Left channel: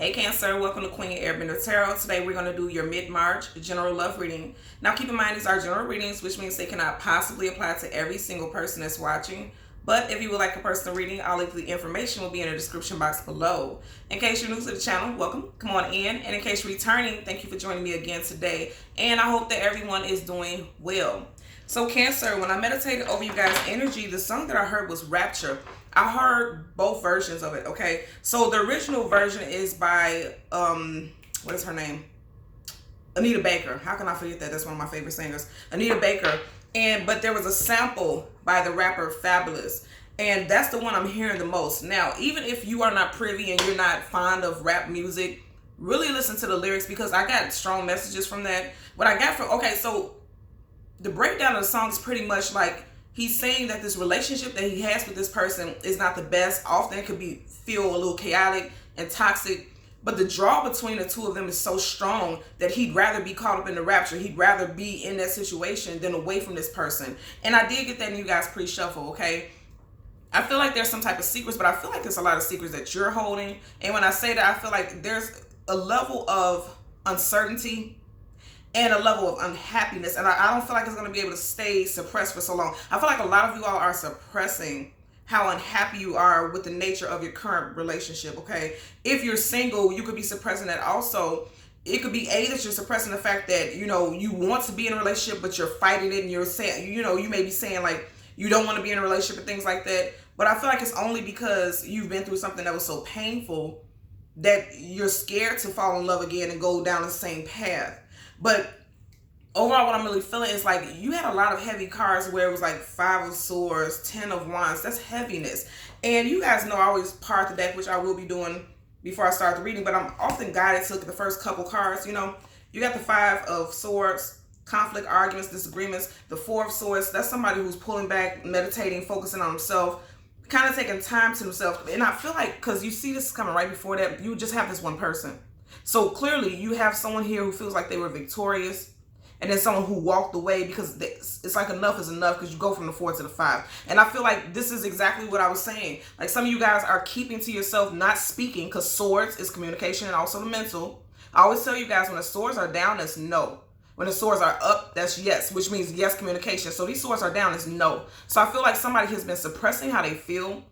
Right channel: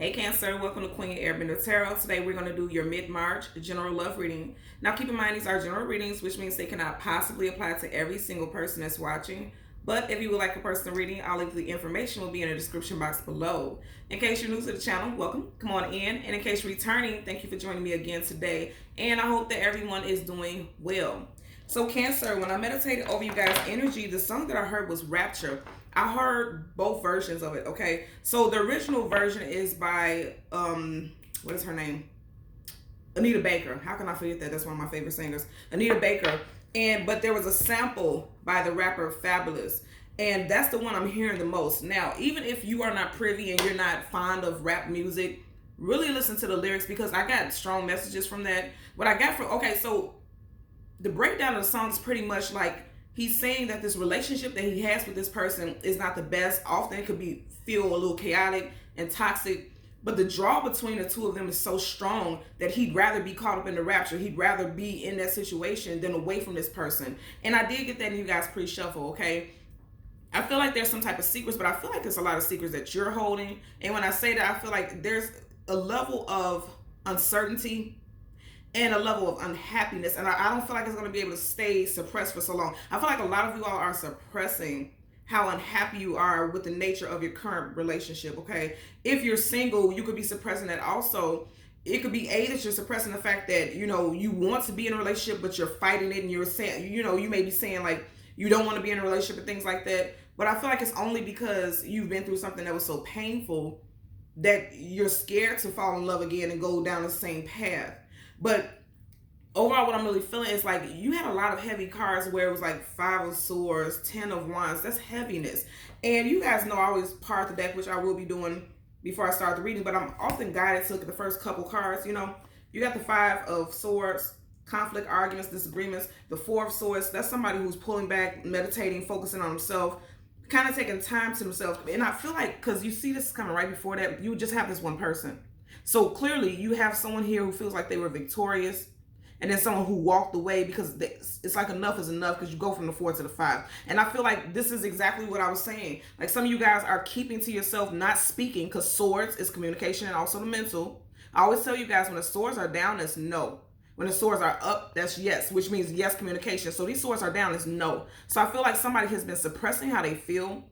Hey Cancer, welcome to Queen Airbender Tarot. Today we're going to do your mid-March general love reading. Now keep in mind these are general readings, which means they cannot possibly apply to every single person that's watching. But if you would like a personal reading, all of the information will be in the description box below. In case you're new to the channel, welcome, come on in. And in case you're returning, thank you for joining me again today. And I hope that everyone is doing well. So Cancer, when I meditated over you guys' energy, the song that I heard was Rapture. I heard both versions of it, okay? So the original version is by, what is her name? Anita Baker. How can I forget that? That's one of my favorite singers. Anita Baker. But there was a sample by the rapper Fabulous. And that's the one I'm hearing the most. Now, even if you are not privy and you're not fond of rap music, really listen to the lyrics because I got strong messages from that. What I got from, okay, so the breakdown of the song is pretty much like, he's saying that this relationship that he has with this person is not the best. Often it could feel a little chaotic and toxic, but the draw between the two of them is so strong that he'd rather be caught up in the rapture. He'd rather be in that situation than away from this person. And I did get that in you guys pre-shuffle, okay? I feel like there's some type of secrets, but I feel like there's a lot of secrets that you're holding. And when I say that, I feel like there's a level of uncertainty and a level of unhappiness, and I don't feel like it's going to be able to stay suppressed for so long. I feel like a lot of you all are suppressing how unhappy you are with the nature of your current relationship, okay? If you're single, you could be suppressing that also. It could be that you're suppressing the fact that, you know, you want to be in a relationship, but you're fighting it, and you're saying, you know, you may be saying like, you don't want to be in a relationship and things like that, but I feel like it's only because you've been through something that was so painful that you're scared to fall in love again and go down the same path. But overall, what I'm really feeling is like you had a lot of heavy cards where it was like 5 of Swords, 10 of Wands. That's heaviness. And you guys know I always part the deck, which I will be doing before I start the reading, but I'm often guided to look at the first couple cards. You know, you got the 5 of Swords, conflict, arguments, disagreements. The 4 of Swords, that's somebody who's pulling back, meditating, focusing on himself, kind of taking time to themselves. And I feel like, because you see this coming right before that, you just have this one person. So clearly you have someone here who feels like they were victorious, and then someone who walked away because it's like enough is enough, because you go from the 4 to the 5. And I feel like this is exactly what I was saying. Like some of you guys are keeping to yourself, not speaking, because Swords is communication and also the mental. I always tell you guys, when the swords are down, that's no. When the swords are up, that's yes, which means yes communication. So these swords are down, is no. So I feel like somebody has been suppressing how they feel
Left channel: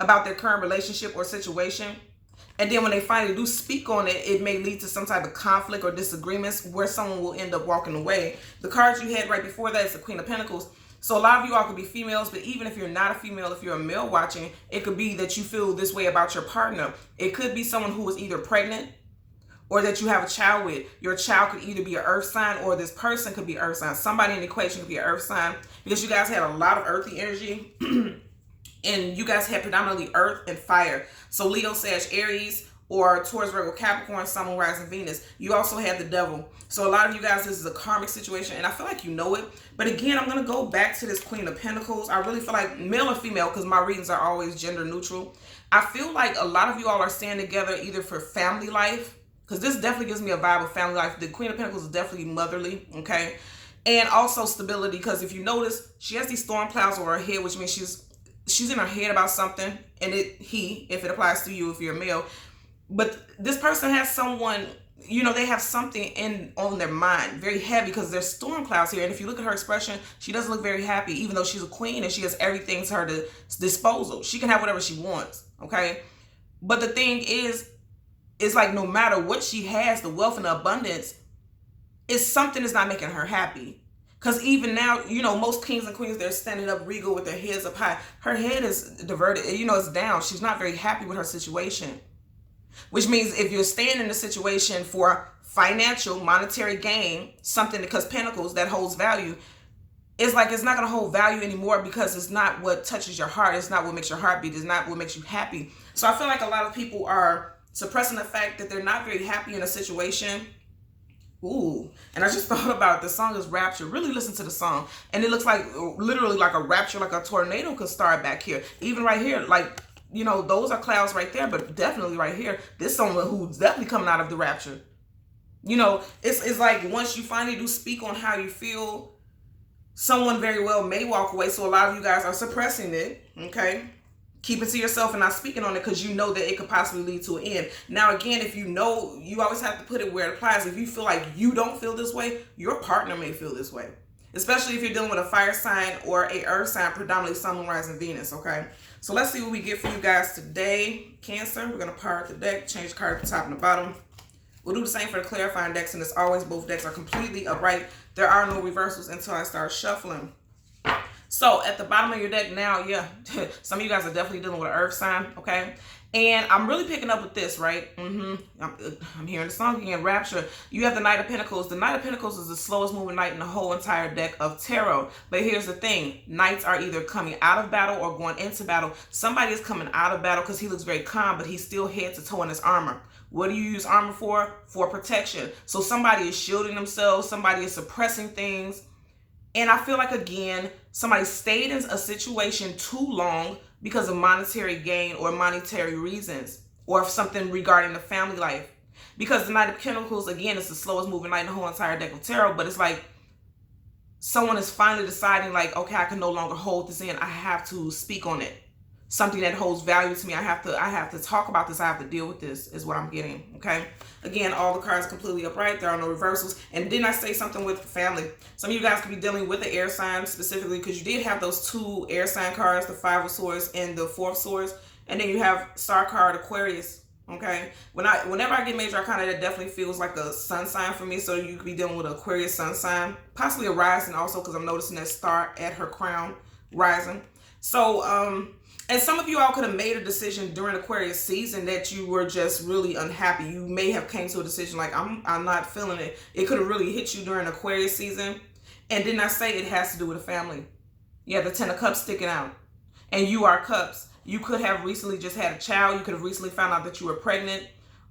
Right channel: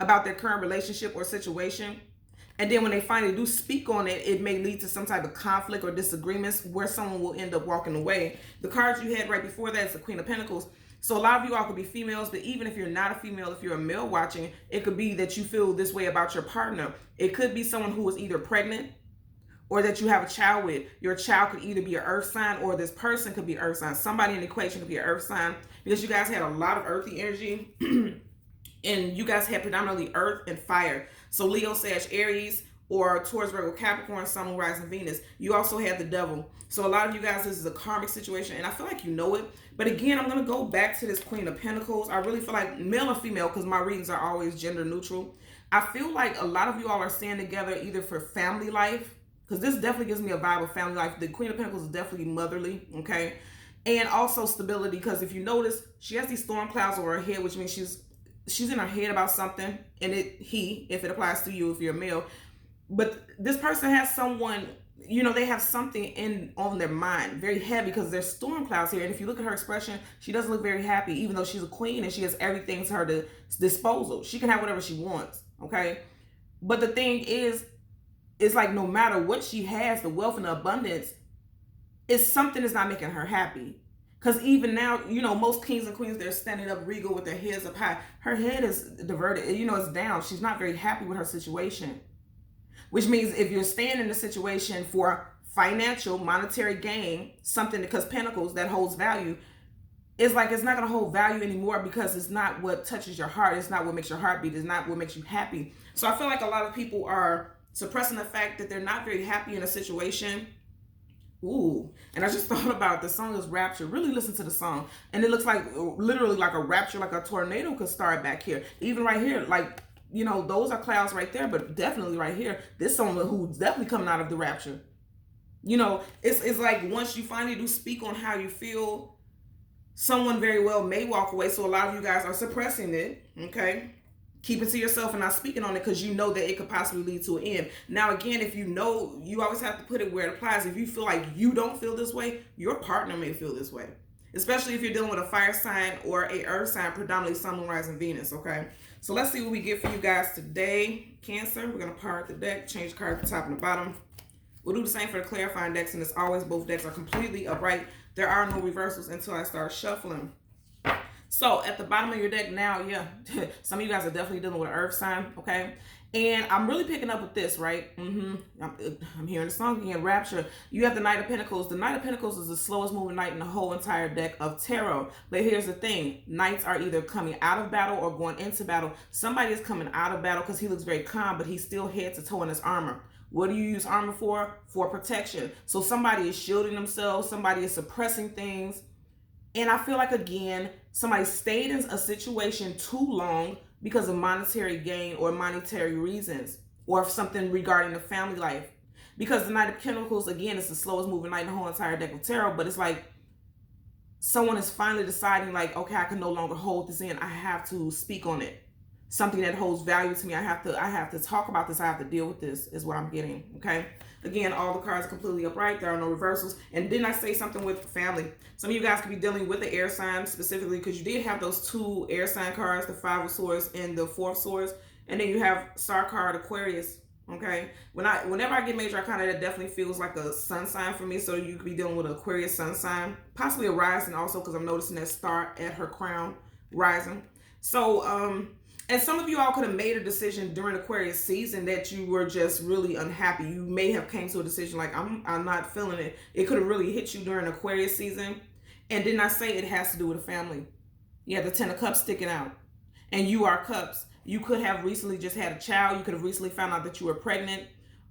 about their current relationship or situation. And then when they finally do speak on it, it may lead to some type of conflict or disagreements where someone will end up walking away. The cards you had right before that is the Queen of Pentacles. So a lot of you all could be females, but even if you're not a female, if you're a male watching, it could be that you feel this way about your partner. It could be someone who is either pregnant or that you have a child with. Your child could either be an earth sign, or this person could be an earth sign. Somebody in the equation could be an earth sign, because you guys had a lot of earthy energy. And you guys have predominantly earth and fire. So Leo, Sag, Aries, or Taurus, Virgo, Capricorn, Sun, Moon, Rising, Venus. You also have the devil. So a lot of you guys, this is a karmic situation, and I feel like you know it. But again, I'm going to go back to this Queen of Pentacles. I really feel like male or female, because my readings are always gender neutral. I feel like a lot of you all are staying together either for family life, because this definitely gives me a vibe of family life. The Queen of Pentacles is definitely motherly, okay? And also stability, because if you notice, she has these storm clouds over her head, which means she's in her head about something, and if it applies to you if you're a male. But this person has someone, you know, they have something on their mind, very heavy, because there's storm clouds here. And if you look at her expression, she doesn't look very happy, even though she's a queen and she has everything to her disposal. She can have whatever she wants, okay? But the thing is, it's like no matter what she has, the wealth and the abundance, is something that's not making her happy. Because even now, you know, most kings and queens, they're standing up regal with their heads up high. Her head is diverted, you know, it's down. She's not very happy with her situation. Which means if you're staying in a situation for financial, monetary gain, something, because Pentacles, that holds value, it's like it's not going to hold value anymore, because it's not what touches your heart. It's not what makes your heart beat. It's not what makes you happy. So I feel like a lot of people are suppressing the fact that they're not very happy in a situation. Ooh, and I just thought about it. The song is Rapture. Really listen to the song. And it looks like literally like a rapture, like a tornado could start back here. Even right here, like, you know, those are clouds right there, but definitely right here, this someone who's definitely coming out of the rapture. You know, it's like once you finally do speak on how you feel, someone very well may walk away. So a lot of you guys are suppressing it, okay? Keep it to yourself and not speaking on it because you know that it could possibly lead to an end. Now, again, if you know, you always have to put it where it applies. If you feel like you don't feel this way, your partner may feel this way. Especially if you're dealing with a fire sign or a earth sign, predominantly Sun, Moon, Rising, Venus, okay? So let's see what we get for you guys today. Cancer, we're going to part the deck, change the card at the top and the bottom. We'll do the same for the clarifying decks, and as always, both decks are completely upright. There are no reversals until I start shuffling. So at the bottom of your deck now, yeah, some of you guys are definitely dealing with an earth sign, okay? And I'm really picking up with this, right? I'm hearing the song again, Rapture. You have the Knight of Pentacles. The Knight of Pentacles is the slowest moving knight in the whole entire deck of tarot. But here's the thing. Knights are either coming out of battle or going into battle. Somebody is coming out of battle because he looks very calm, but he's still head to toe in his armor. What do you use armor for? For protection. So somebody is shielding themselves. Somebody is suppressing things. And I feel like, again, somebody stayed in a situation too long because of monetary gain or monetary reasons, or something regarding the family life. Because the Knight of Pentacles, again, is the slowest moving knight in the whole entire deck of tarot, but it's like someone is finally deciding, like, okay, I can no longer hold this in. I have to speak on it. Something that holds value to me. I have to talk about this. I have to deal with this, is what I'm getting, okay? Again, all the cards are completely upright. There are no reversals. And didn't I say something with family? Some of you guys could be dealing with the air sign specifically because you did have those two air sign cards, the Five of Swords and the Four of Swords. And then you have star card Aquarius, okay? Whenever I get major arcana, that definitely feels like a sun sign for me. So you could be dealing with an Aquarius sun sign, possibly a rising also, because I'm noticing that star at her crown rising. So, and some of you all could have made a decision during Aquarius season that you were just really unhappy. You may have came to a decision like, I'm not feeling it. It could have really hit you during Aquarius season. And didn't I say it has to do with a family? Yeah, the Ten of Cups sticking out. And you are Cups. You could have recently just had a child. You could have recently found out that you were pregnant.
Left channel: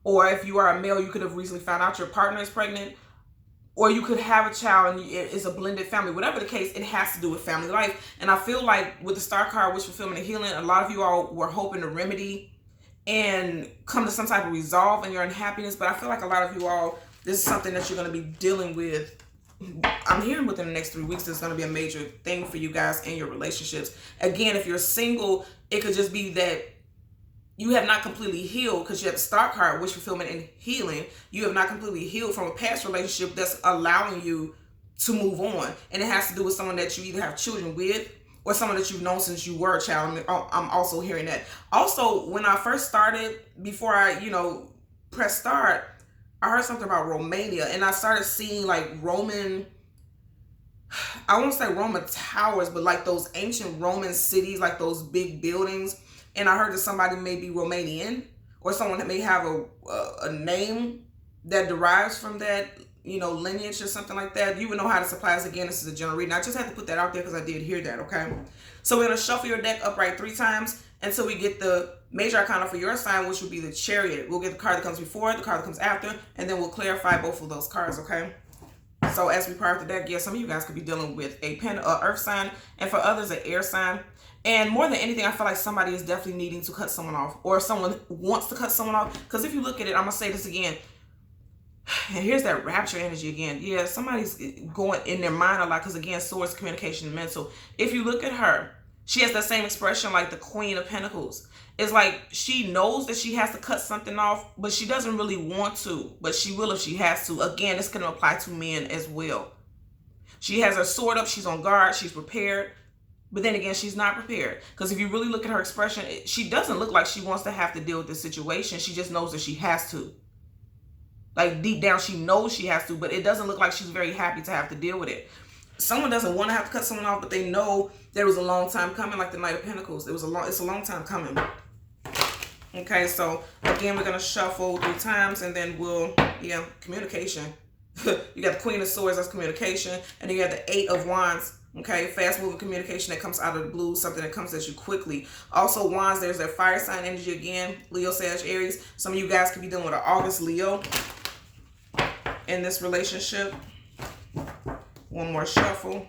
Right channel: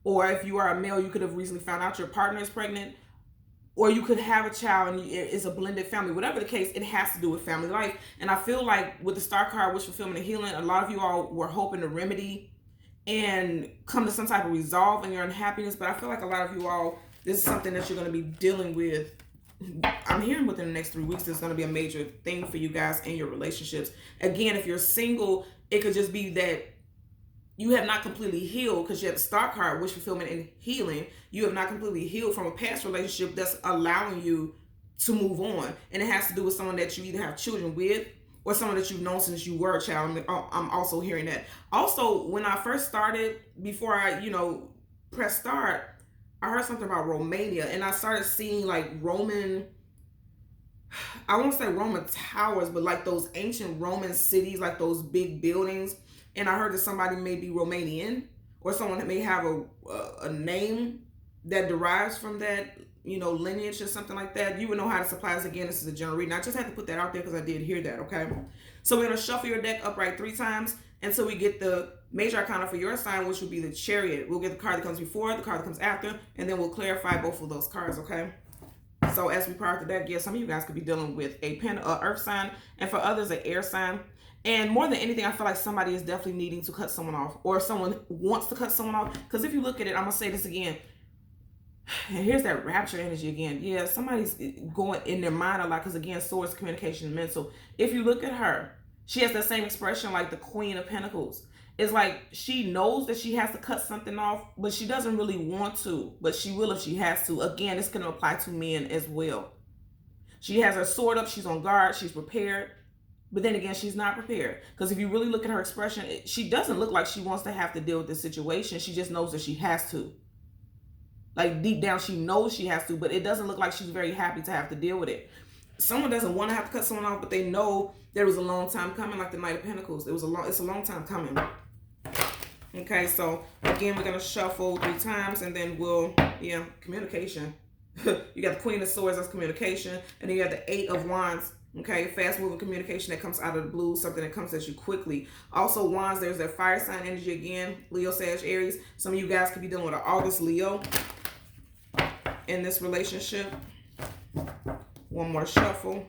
Or if you are a male, you could have recently found out your partner is pregnant. Or you could have a child and it's a blended family. Whatever the case, it has to do with family life. And I feel like with the star card, wish fulfillment and healing, a lot of you all were hoping to remedy and come to some type of resolve in your unhappiness. But I feel like a lot of you all, this is something that you're going to be dealing with. I'm hearing within the next 3 weeks, there's going to be a major thing for you guys in your relationships. Again, if you're single, it could just be that you have not completely healed because you have the star card, wish fulfillment and healing. You have not completely healed from a past relationship that's allowing you to move on. And it has to do with someone that you either have children with or someone that you've known since you were a child. I'm also hearing that. Also, when I first started, before I, press start, I heard something about Romania. And I started seeing like Roman, I won't say Roman towers, but like those ancient Roman cities, like those big buildings. And I heard that somebody may be Romanian or someone that may have a name that derives from that, lineage or something like that. You would know how to supply us. Again, this is a general reading. I just had to put that out there because I did hear that, okay? So we're going to shuffle your deck upright 3 times until we get the major arcana for your sign, which would be the Chariot. We'll get the card that comes before, the card that comes after, and then we'll clarify both of those cards, okay? So as we part the deck, some of you guys could be dealing with a earth sign, and for others, an air sign. And more than anything, I feel like somebody is definitely needing to cut someone off, or someone wants to cut someone off. Because if you look at it, I'm going to say this again. And here's that Rapture energy again. Yeah, somebody's going in their mind a lot because, again, swords, communication, and mental. If you look at her, she has that same expression like the Queen of Pentacles. It's like she knows that she has to cut something off, but she doesn't really want to. But she will if she has to. Again, this can apply to men as well. She has her sword up. She's on guard. She's prepared. But then again, she's not prepared. Because if you really look at her expression, she doesn't look like she wants to have to deal with this situation. She just knows that she has to. Like deep down, she knows she has to, but it doesn't look like she's very happy to have to deal with it. Someone doesn't want to have to cut someone off, but they know there was a long time coming, like the Knight of Pentacles. It's a long time coming. Okay, so again, we're going to shuffle 3 times and then we'll, communication. You got the Queen of Swords, that's communication. And then you have the 8 of Wands. Okay, fast-moving communication that comes out of the blue, something that comes at you quickly. Also, Wands, there's that fire sign energy again, Leo, Sag, Aries. Some of you guys could be dealing with an August Leo in this relationship. One more shuffle.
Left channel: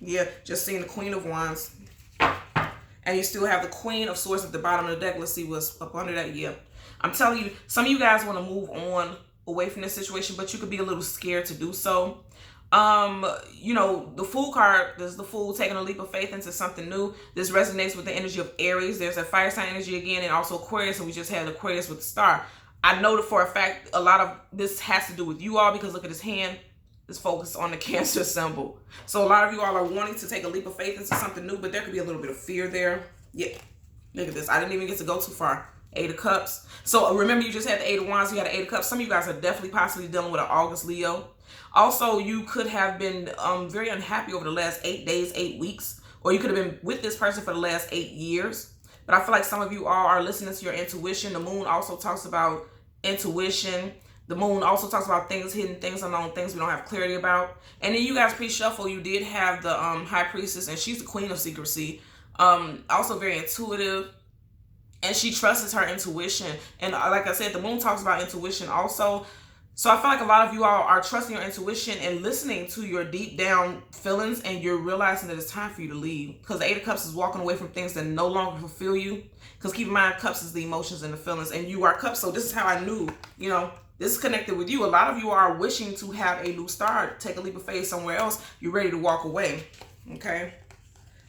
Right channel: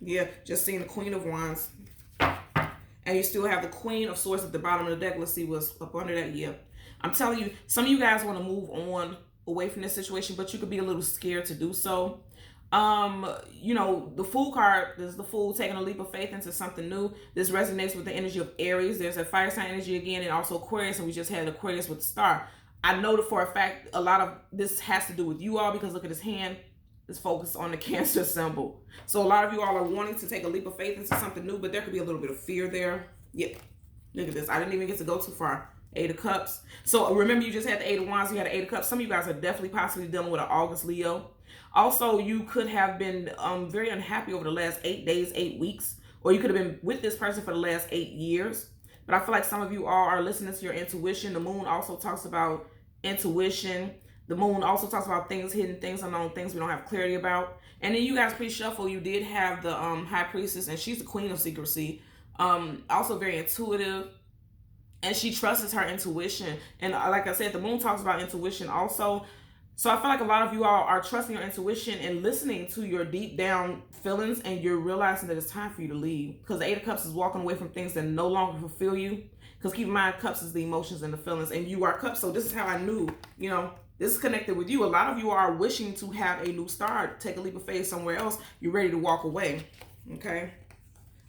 Yeah, just seeing the Queen of Wands. And you still have the Queen of Swords at the bottom of the deck. Let's see what's up under that. Yeah, I'm telling you, some of you guys want to move on away from this situation, but you could be a little scared to do so. You know, the Fool card, this is the Fool taking a leap of faith into something new. This resonates with the energy of Aries. There's a fire sign energy again, and also Aquarius, and we just had Aquarius with the star. I know that for a fact a lot of this has to do with you all, because look at his hand is focused on the Cancer symbol. So a lot of you all are wanting to take a leap of faith into something new, but there could be a little bit of fear there. Yeah, look at this. I didn't even get to go too far. 8 of Cups. So remember, you just had the 8 of Wands, you had the 8 of Cups. Some of you guys are definitely possibly dealing with an August Leo. Also, you could have been very unhappy over the last 8 days, 8 weeks, or you could have been with this person for the last 8 years. But I feel like some of you all are listening to your intuition. The moon also talks about intuition. The moon also talks about things hidden, things unknown, things we don't have clarity about. And then you guys pre-shuffle, you did have the High Priestess, and she's the queen of secrecy. Also very intuitive. And she trusts her intuition. And like I said, the moon talks about intuition also. So I feel like a lot of you all are trusting your intuition and listening to your deep down feelings, and you're realizing that it's time for you to leave. Because the 8 of Cups is walking away from things that no longer fulfill you. Because keep in mind, Cups is the emotions and the feelings, and you are Cups. So this is how I knew, you know, this is connected with you. A lot of you are wishing to have a new start, take a leap of faith somewhere else. You're ready to walk away, okay?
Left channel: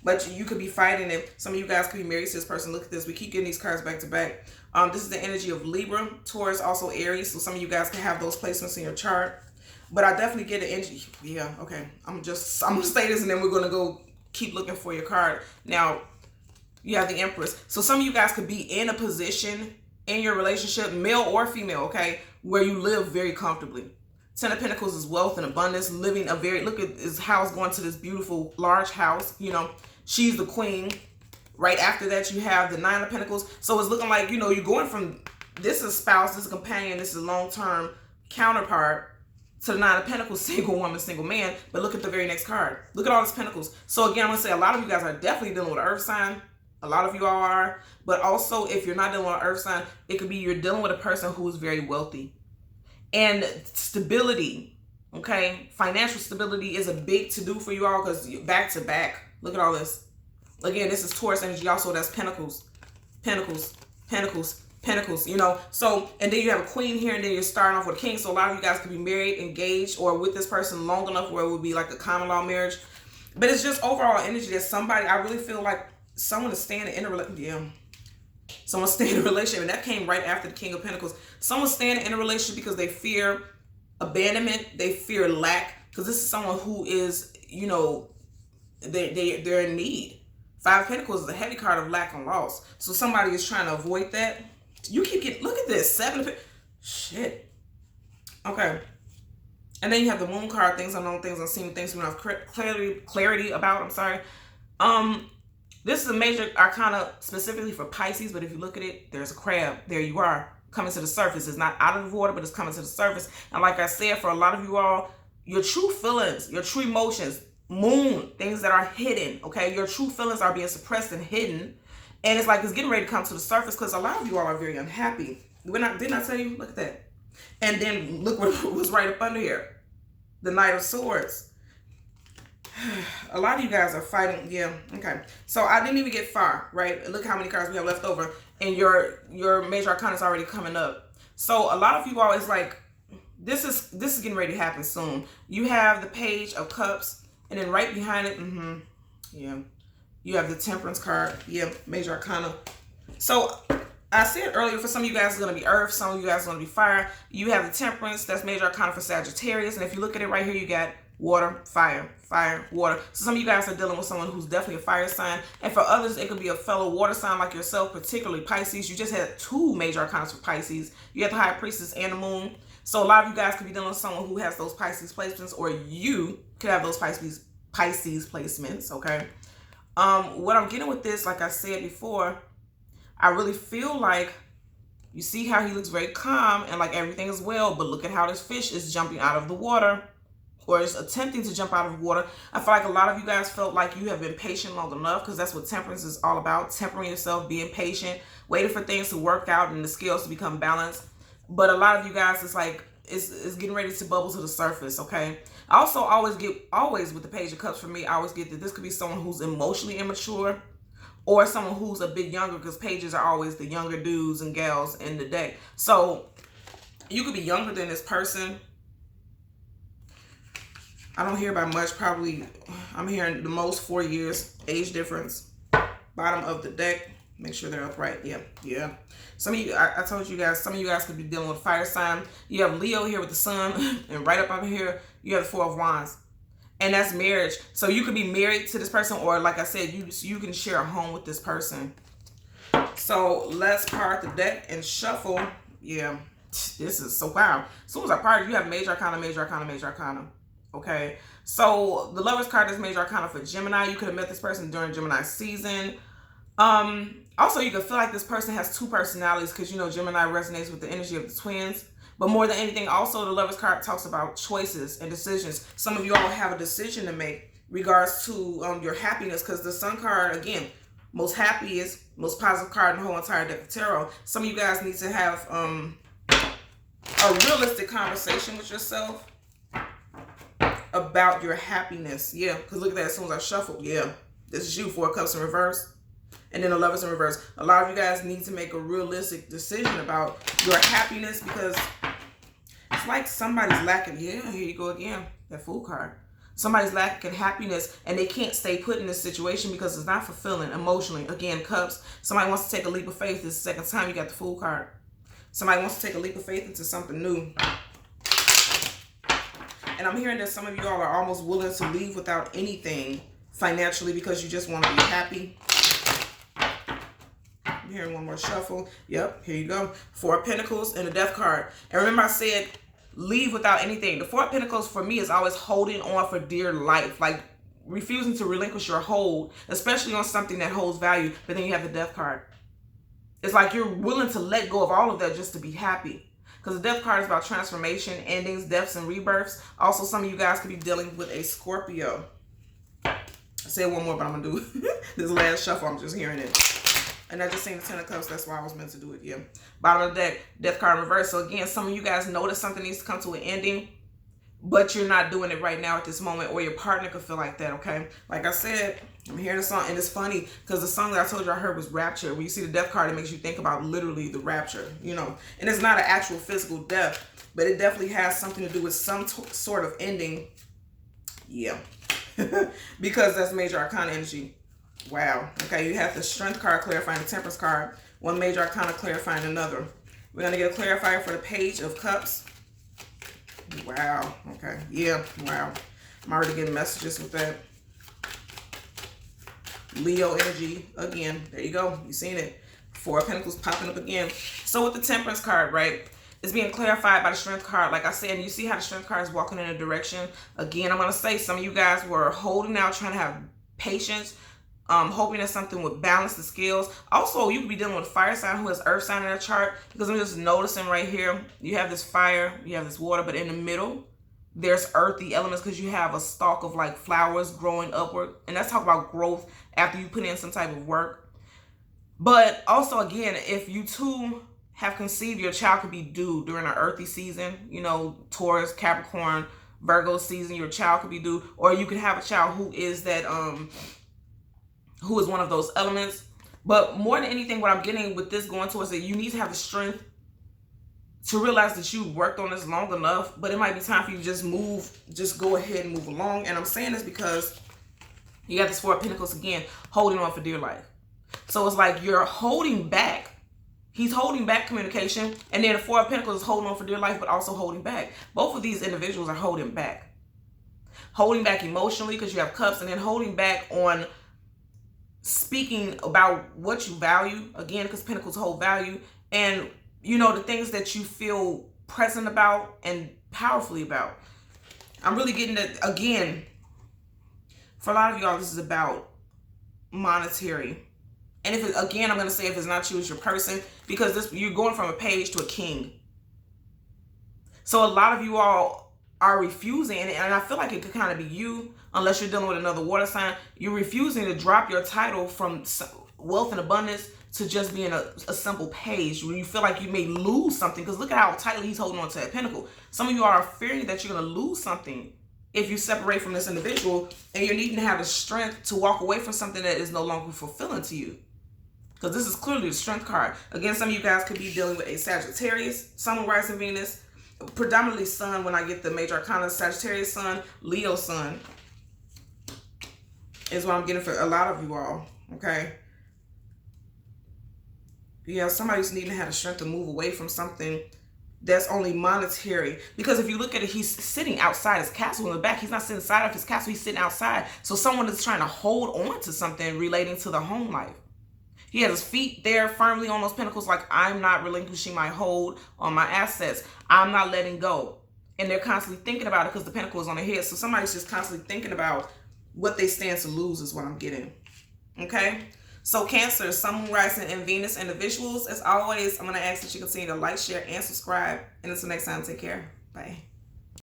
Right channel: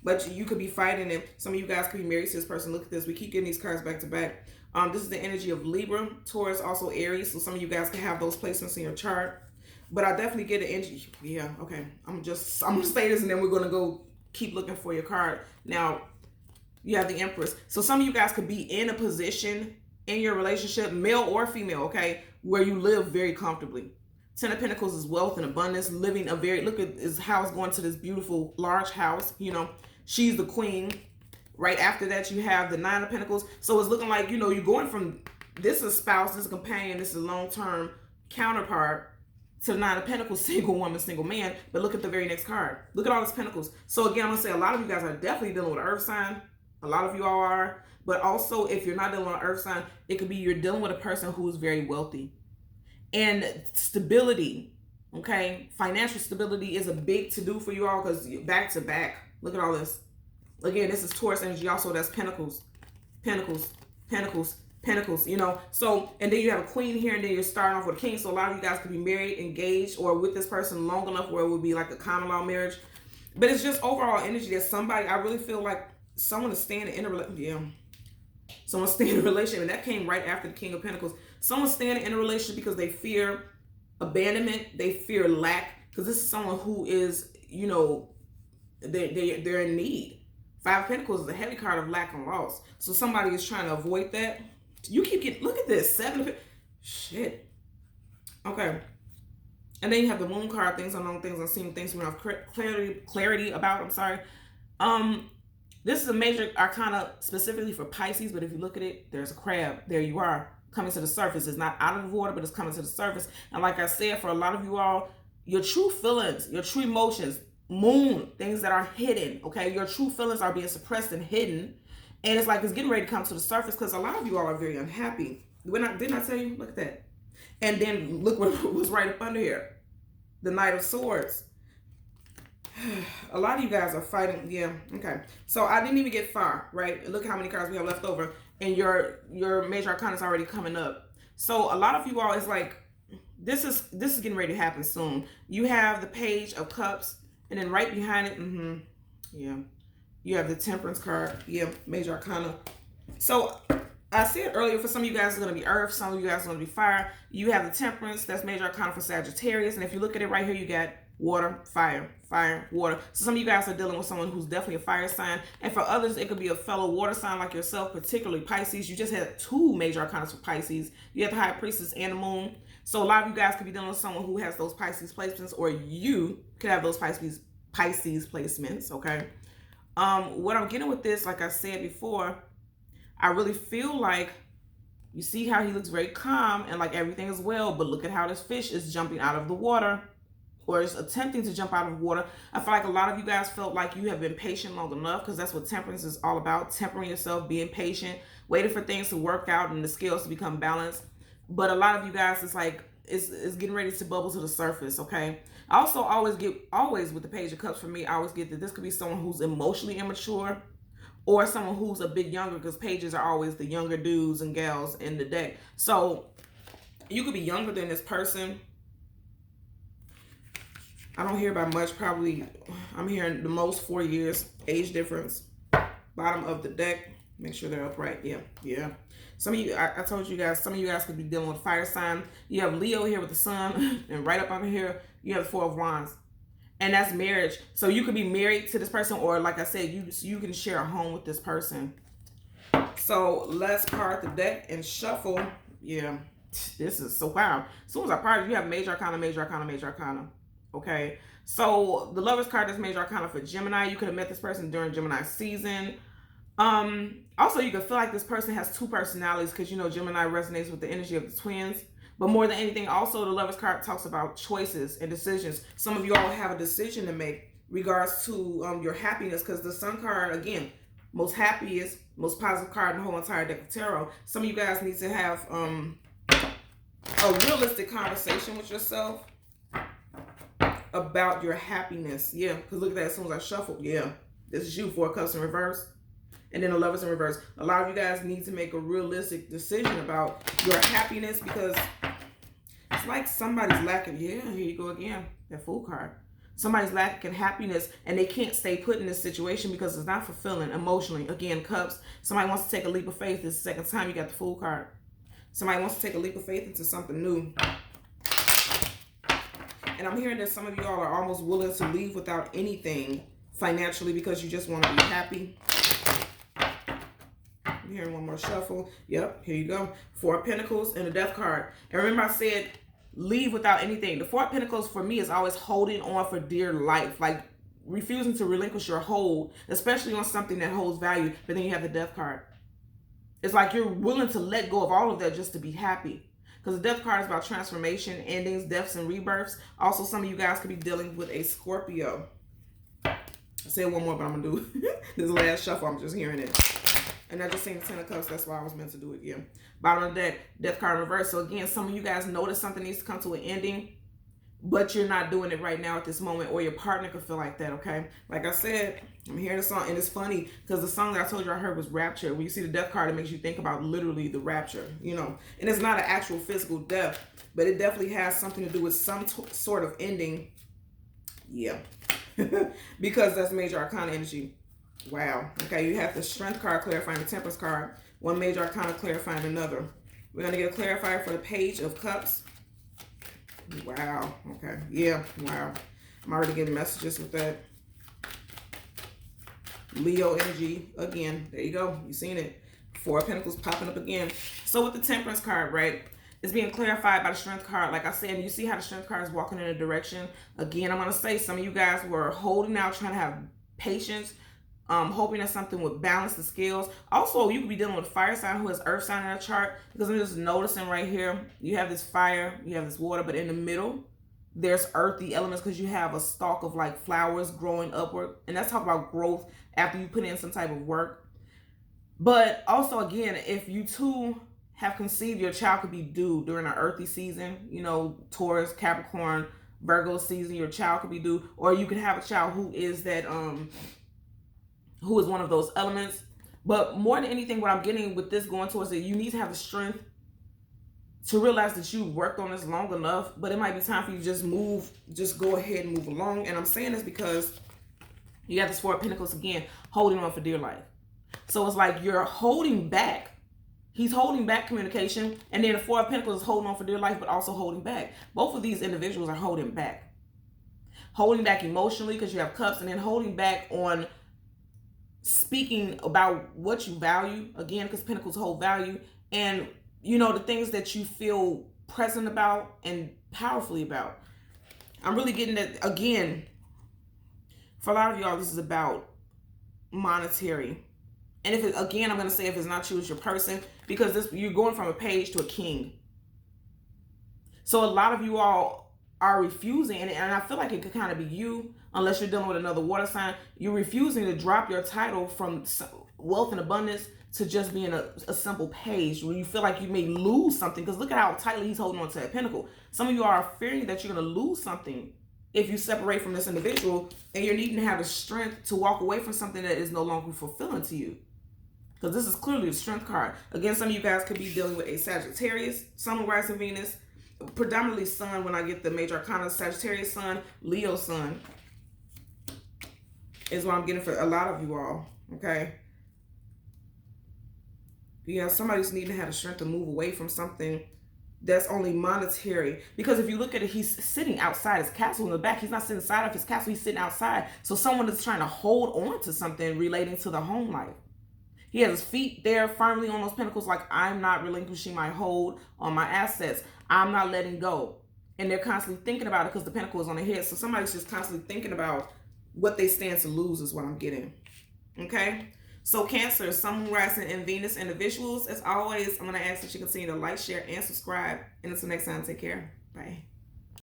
But you could be fighting, and some of you guys could be married to this person. Look at this. We keep getting these cards back to back. This is the energy of Libra, Taurus, also Aries. So some of you guys can have those placements in your chart. But I definitely get the energy. Yeah, okay. I'm gonna say this, and then we're gonna go keep looking for your card. Now, you have the Empress. So some of you guys could be in a position in your relationship, male or female, okay, where you live very comfortably. 10 of Pentacles is wealth and abundance, living a very, look at his house going to this beautiful large house, you know. She's the queen. Right after that, you have the 9 of Pentacles. So it's looking like, you know, you're going from, this is spouse, this is companion, this is long-term counterpart, to the 9 of Pentacles, single woman, single man. But look at the very next card. Look at all these Pentacles. So again, I'm going to say a lot of you guys are definitely dealing with an earth sign. A lot of you all are. But also, if you're not dealing with an earth sign, it could be you're dealing with a person who is very wealthy. And stability, okay? Financial stability is a big to-do for you all, because back to back. Look at all this. Again, this is Taurus energy also. That's Pentacles, Pentacles, Pentacles, Pentacles, you know. So, and then you have a queen here, and then you're starting off with a king. So a lot of you guys could be married, engaged, or with this person long enough where it would be like a common law marriage. But it's just overall energy that somebody, I really feel like someone is staying in a relationship. Yeah. Someone's staying in a relationship, and that came right after the King of Pentacles. Someone's staying in a relationship because they fear abandonment, they fear lack, because this is someone who is, you know, they're in need. 5 of Pentacles is a heavy card of lack and loss. So somebody is trying to avoid that. You keep getting, look at this, 7 of Pentacles. Shit. Okay. And then you have the Moon card, things unknown, things unseen, things we don't have clarity about. I'm sorry. This is a major arcana specifically for Pisces, but if you look at it, there's a crab. There you are, coming to the surface. It's not out of the water, but it's coming to the surface. And like I said, for a lot of you all, your true feelings, your true emotions, Moon, things that are hidden, okay? Your true feelings are being suppressed and hidden. And it's like it's getting ready to come to the surface, because a lot of you all are very unhappy. Didn't I tell you? Look at that. And then look what was right up under here. The Knight of Swords. A lot of you guys are fighting. Yeah, okay. So I didn't even get far, right? And look how many cards we have left over. And your major arcana is already coming up. So a lot of you all is like, this is getting ready to happen soon. You have the Page of Cups. And then right behind it, yeah, you have the Temperance card. Yeah, major arcana. So I said earlier, for some of you guys, it's going to be earth. Some of you guys are going to be fire. You have the Temperance. That's major arcana for Sagittarius. And if you look at it right here, you got water, fire, fire, water. So some of you guys are dealing with someone who's definitely a fire sign. And for others, it could be a fellow water sign like yourself, particularly Pisces. You just had 2 major arcana for Pisces. You had the High Priestess and the Moon. So a lot of you guys could be dealing with someone who has those Pisces placements, or you could have those Pisces placements, okay? What I'm getting with this, like I said before, I really feel like, you see how he looks very calm and like everything is well, but look at how this fish is jumping out of the water, or is attempting to jump out of the water. I feel like a lot of you guys felt like you have been patient long enough, because that's what temperance is all about. Tempering yourself, being patient, waiting for things to work out and the scales to become balanced. But a lot of you guys, it's like, it's getting ready to bubble to the surface, okay? I also always with the Page of Cups, for me, I always get that this could be someone who's emotionally immature, or someone who's a bit younger, because pages are always the younger dudes and gals in the deck. So you could be younger than this person. I don't hear about much. Probably, I'm hearing the most 4 years age difference. Bottom of the deck. Make sure they're upright. Yeah. Some of you, I told you guys, some of you guys could be dealing with fire sign. You have Leo here with the sun, and right up over here, you have the Four of Wands. And that's marriage. So you could be married to this person, or like I said, you can share a home with this person. So let's part the deck and shuffle. Yeah, this is so wow. As soon as I part it, you have major arcana, major arcana, major arcana. Okay, so the Lover's card is major arcana for Gemini. You could have met this person during Gemini season. Also, you could feel like this person has two personalities, because you know Gemini resonates with the energy of the twins. But more than anything, also the Lover's card talks about choices and decisions. Some of you all have a decision to make regards to your happiness, because the Sun card, again, most happiest, most positive card in the whole entire deck of tarot. Some of you guys need to have a realistic conversation with yourself about your happiness. Yeah, because look at that, as soon as I shuffled, yeah, this is you, Four of Cups in reverse. And then the Lovers in reverse. A lot of you guys need to make a realistic decision about your happiness, because it's like somebody's lacking. Yeah, here you go again. That Fool card. Somebody's lacking happiness, and they can't stay put in this situation because it's not fulfilling emotionally. Again, Cups. Somebody wants to take a leap of faith. This is the second time you got the Fool card. Somebody wants to take a leap of faith into something new. And I'm hearing that some of you all are almost willing to leave without anything financially because you just want to be happy. I'm hearing one more shuffle. Yep, here you go. Four of Pentacles and the Death card. And remember I said leave without anything. The Four of Pentacles for me is always holding on for dear life. Like refusing to relinquish your hold, especially on something that holds value. But then you have the Death card. It's like you're willing to let go of all of that just to be happy. Because the Death card is about transformation, endings, deaths, and rebirths. Also, some of you guys could be dealing with a Scorpio. I said one more, but I'm going to do this last shuffle. I'm just hearing it. And I just seen the Ten of Cups. That's why I was meant to do it. Yeah. Bottom of the deck, Death card in reverse. So again, some of you guys notice something needs to come to an ending, but you're not doing it right now at this moment, or your partner could feel like that, okay? Like I said, I'm hearing the song, and it's funny because the song that I told you I heard was Rapture. When you see the Death card, it makes you think about literally the rapture, you know? And it's not an actual physical death, but it definitely has something to do with some sort of ending. Yeah. Because that's major arcana energy. Wow. Okay, you have the Strength card clarifying the Temperance card. One major arcana clarifying another. We're going to get a clarifier for the Page of Cups. Wow. Okay. Yeah. Wow. I'm already getting messages with that. Leo energy. Again. There you go. You seen it. Four of Pentacles popping up again. So with the Temperance card, right? It's being clarified by the Strength card. Like I said, you see how the Strength card is walking in a direction. Again, I'm going to say some of you guys were holding out, trying to have patience. Hoping that something would balance the scales. Also, you could be dealing with a fire sign who has earth sign in their chart, because I'm just noticing right here, you have this fire, you have this water, but in the middle, there's earthy elements because you have a stalk of like flowers growing upward. And that's talking about growth after you put in some type of work. But also, again, if you two have conceived, your child could be due during an earthy season, you know, Taurus, Capricorn, Virgo season, your child could be due, or you could have a child who is that, who is one of those elements. But more than anything, what I'm getting with this going towards that you need to have the strength to realize that you worked on this long enough, but it might be time for you to just go ahead and move along. And I'm saying this because you got this Four of Pentacles again, holding on for dear life. So it's like you're holding back. He's holding back communication. And then the Four of Pentacles is holding on for dear life, but also holding back. Both of these individuals are holding back. Holding back emotionally because you have Cups, and then holding back on speaking about what you value, again, because Pentacles hold value, and you know, the things that you feel present about and powerfully about. I'm really getting that, again, for a lot of y'all, this is about monetary. And if it, again, I'm going to say if it's not you, it's your person, because this, you're going from a page to a king. So a lot of you all are refusing, and I feel like it could kind of be you, unless you're dealing with another water sign. You're refusing to drop your title from wealth and abundance to just being a simple page, when you feel like you may lose something. Because look at how tightly he's holding on to that pentacle. Some of you are fearing that you're going to lose something if you separate from this individual, and you're needing to have the strength to walk away from something that is no longer fulfilling to you. Because this is clearly the Strength card. Again, some of you guys could be dealing with a Sagittarius, Sun, Rising, Venus, predominantly sun when I get the major arcana. Sagittarius sun, Leo sun is what I'm getting for a lot of you all, okay? Yeah, somebody's needing to have the strength to move away from something that's only monetary. Because if you look at it, he's sitting outside his castle in the back. He's not sitting inside of his castle. He's sitting outside. So someone is trying to hold on to something relating to the home life. He has his feet there firmly on those pentacles, like, I'm not relinquishing my hold on my assets. I'm not letting go. And they're constantly thinking about it because the pentacle is on their head. So somebody's just constantly thinking about what they stand to lose is what I'm getting. Okay? So Cancer, Sun, Moon, Rising, and Venus individuals, as always, I'm going to ask that you continue to like, share, and subscribe. And until next time, take care. Bye.